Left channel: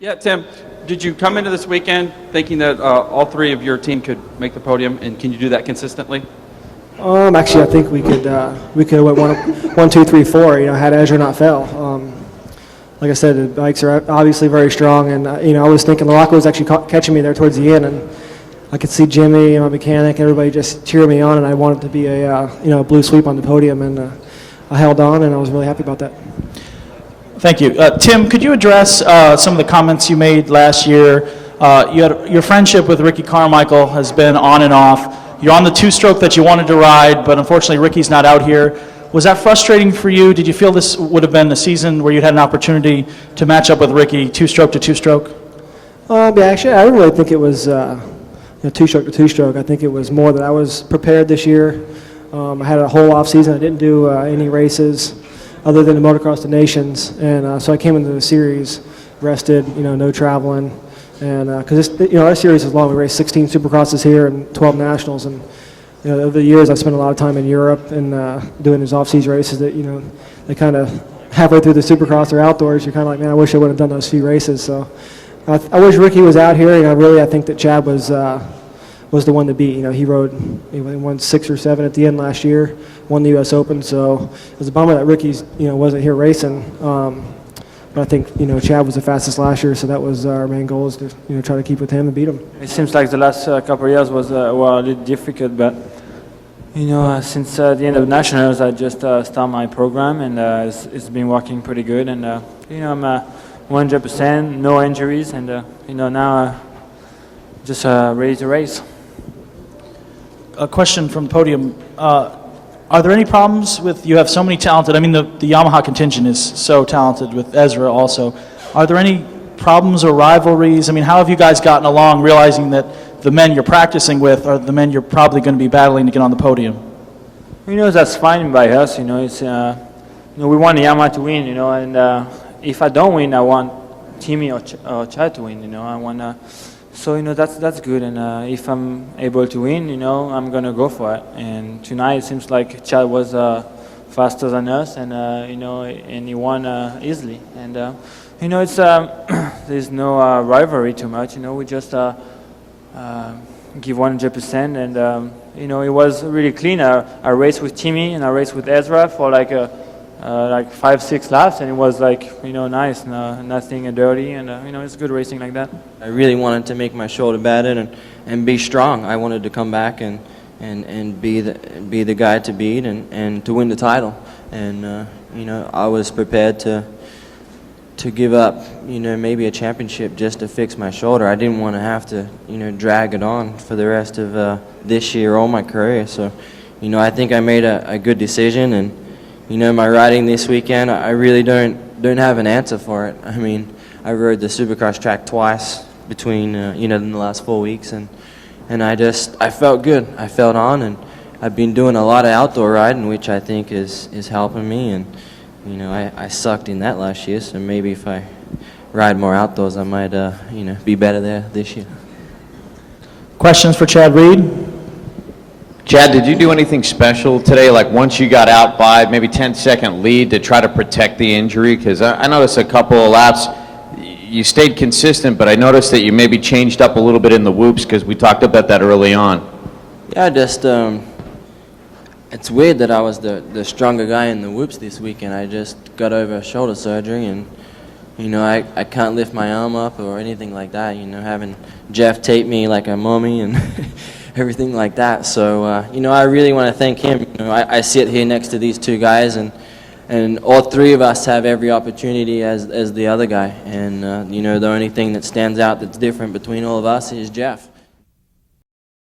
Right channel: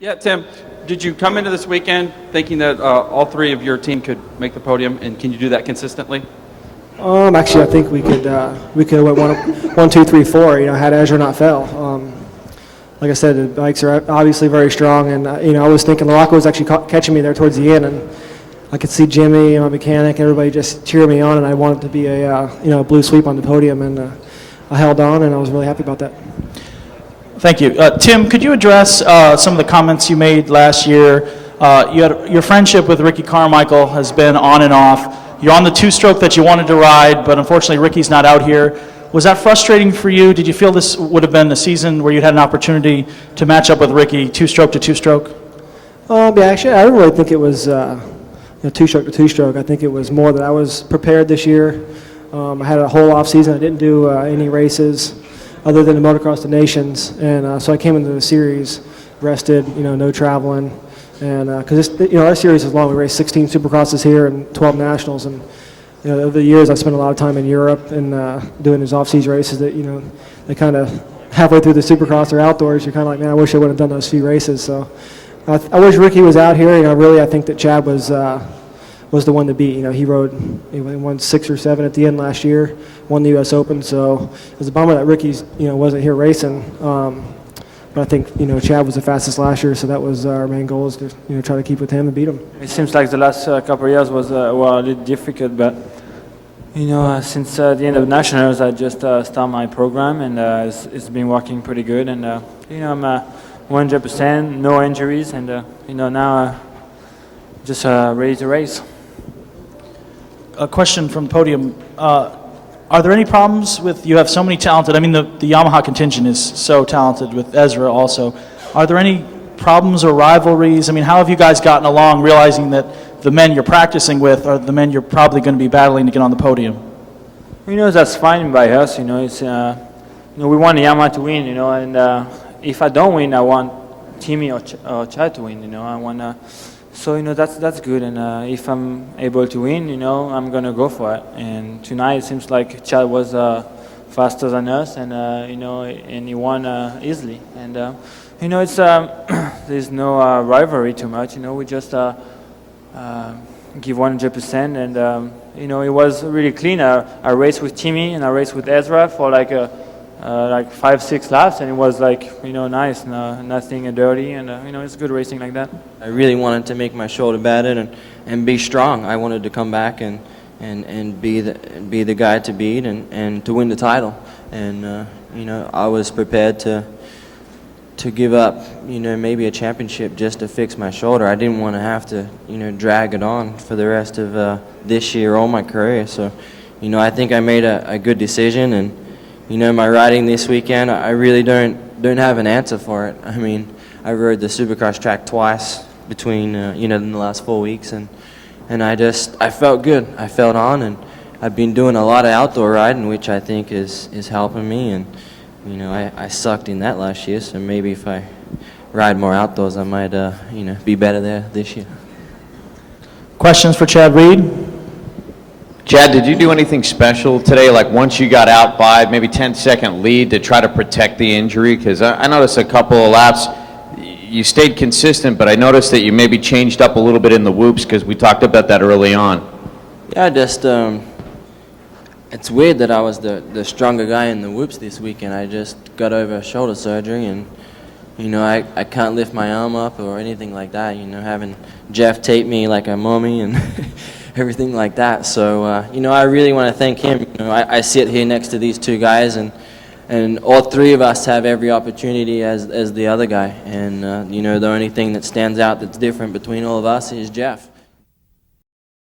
Yeah, Tim, did you come into this weekend thinking that all three of your team could make the podium, and can you do that consistently? Actually, I think we could have went one, two, three, four. Had Ezra not fell. Like I said, the bikes are obviously very strong, and I was thinking Larocco was actually catching me there towards the end, and I could see Jimmy and my mechanic, everybody just cheering me on, and I wanted to be a blue sweep on the podium, and I held on, and I was really happy about that. Thank you. Tim, could you address some of the comments you made last year? Your friendship with Ricky Carmichael has been on and off. You're on the two-stroke that you wanted to ride, but unfortunately Ricky's not out here. Was that frustrating for you? Did you feel this would have been a season where you had an opportunity to match up with Ricky two-stroke to two-stroke? Yeah, actually, I don't really think it was two-stroke to two-stroke. I think it was more that I was prepared this year. I had a whole off season. I didn't do any races other than the Motocross of Nations, and so I came into the series rested, no traveling, and because our series is long. We raced 16 Supercrosses here and 12 Nationals, and over the years I spent a lot of time in Europe and doing these off-season races that they kind of halfway through the Supercross or outdoors, you're kind of like, man, I wish I would have done those few races. So I wish Ricky was out here. I think that Chad was the one to beat. He won 6 or 7 at the end last year, won the U.S. Open. So it was a bummer that Ricky's wasn't here racing. But I think Chad was the fastest last year, so that was our main goal, is to try to keep with him and beat him. It seems like the last couple of years were a little difficult, but since the end of Nationals, I just started my program, and it's been working pretty good. And I'm 100%, no injuries, and now just ready to race. A question from the podium. Are there any problems with, you have so many talented, the Yamaha contingent is so talented with Ezra also. Are there any problems or rivalries? How have you guys gotten along, realizing that the men you're practicing with are the men you're probably going to be battling to get on the podium? That's fine by us. It's we want Yamaha to win. And if I don't win, I want Timmy or Chad to win. I want. So that's good, and if I'm able to win, I'm gonna go for it. And tonight it seems like Chad was faster than us, and and he won easily. And it's there's no rivalry too much. We just give 100%, and it was really clean. I raced with Timmy and I raced with Ezra for like 5-6 laps, and it was nice, nothing dirty, and it's good racing like that. I really wanted to make my shoulder better and be strong. I wanted to come back and be the guy to beat and to win the title. And I was prepared to give up maybe a championship just to fix my shoulder. I didn't want to have to drag it on for the rest of this year or my career. So I think I made a good decision, and my riding this weekend, I really don't have an answer for it. I rode the Supercross track twice between in the last 4 weeks, and I felt good. I felt on, and I've been doing a lot of outdoor riding, which I think is helping me. And I sucked in that last year, so maybe if I ride more outdoors, I might be better there this year. Questions for Chad Reed? Chad, did you do anything special today, like once you got out by maybe 10-second lead, to try to protect the injury? Because I noticed a couple of laps, you stayed consistent, but I noticed that you maybe changed up a little bit in the whoops, because we talked about that early on. Yeah, it's weird that I was the stronger guy in the whoops this weekend. I just got over shoulder surgery, and I can't lift my arm up or anything like that. Having Jeff tape me like a mummy and everything like that. So I really want to thank him. I sit here next to these two guys, and all three of us have every opportunity as the other guy. And the only thing that stands out that's different between all of us is Jeff.